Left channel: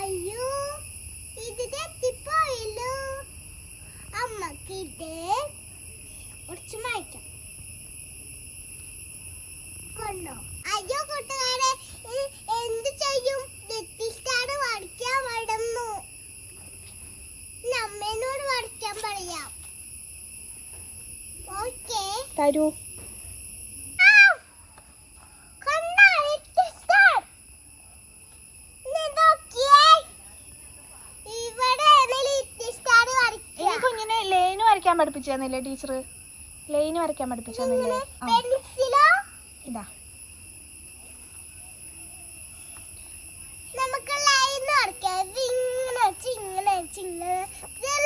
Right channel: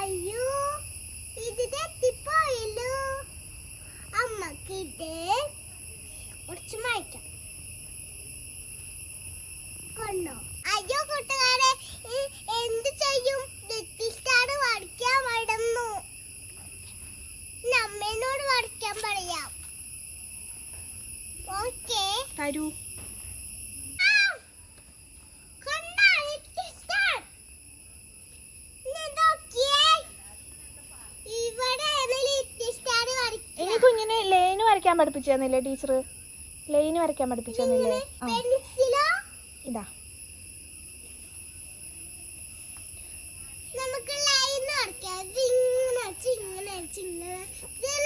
അയ്യോ ഇത് തെറ്റിപ്പോയല്ലോ. അമ്മക്ക് ഇത് കുറച്ച് മായ്ക്കാം. കൊണ്ടോ? അയ്യോ കൂട്ടുകാരെ, എന്ത് ചെയ്യും? നെറ്റിസ്റ്റാണ് വരയ്ക്കാൻ മറന്നു. അമ്മേനോട് വരയ്ക്കാൻ പറയാം. ഓക്കേ തരൂ. കുഞ്ഞിനെ ലൈന് വരയ്ക്കാൻ പഠിപ്പിച്ചല്ലേ ടീച്ചർ? ലൈന് വരയ്ക്കാൻ പഠിപ്പിച്ചു. ഇതാ നമുക്ക് ലൈൻ വരയ്ക്കാം.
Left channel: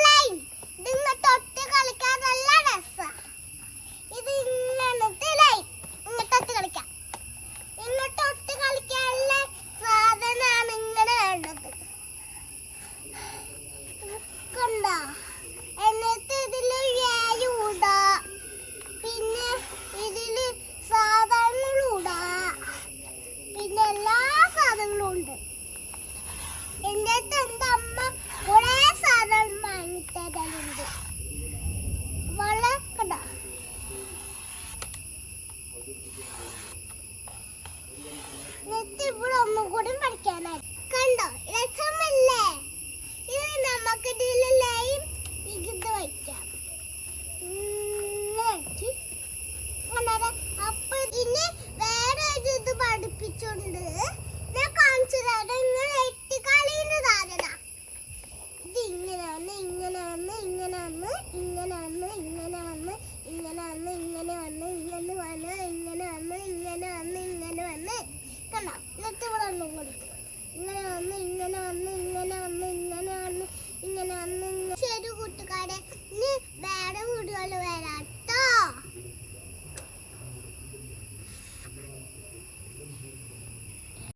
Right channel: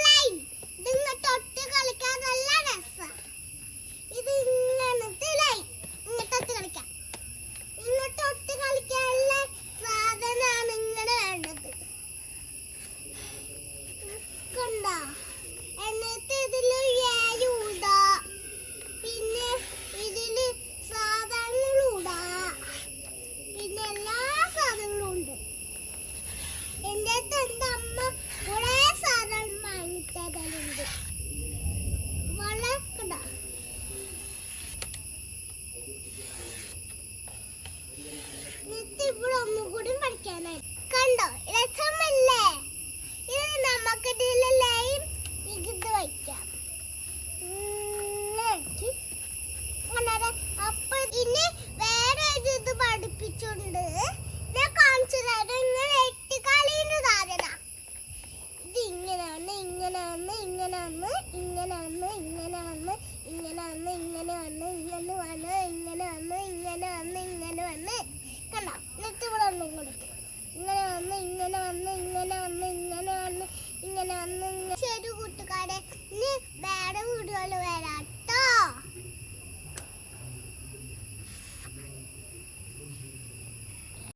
ലൈൻ ഇതിങ്ങനെ തൊട്ട് കളിക്കാൻ നല്ല രസമാണ്. ഇത് ഇങ്ങനത്തെ ലൈൻ ഇങ്ങോട്ട് കളിക്കാം. ഇങ്ങോട്ട് കളിക്കാനുള്ള സാധനമാണ് ഇങ്ങനെ വേണ്ടത്. കണ്ടോ? എന്നിട്ട് ഇതില് ഏയൂടാ, പിന്നെ ഇതില് സാധനങ്ങളൂടാ, പിന്നെ എല്ലാ സാധനങ്ങളും ഉണ്ട്. എന്റെ അടുത്ത് എന്റെ അമ്മ കുറെ സാധനം വാങ്ങിത്തരുന്നുണ്ട്. വളരെ കണ്ടോ? എന്നിട്ട് ഇവിടെ ഒന്നും കൂടി പഠിക്കാനായി. കണ്ടോ രസമല്ലേ? ഇത് നമുക്ക് ഇതിൽ ലൈൻ ഇത് വയ്ക്കാം.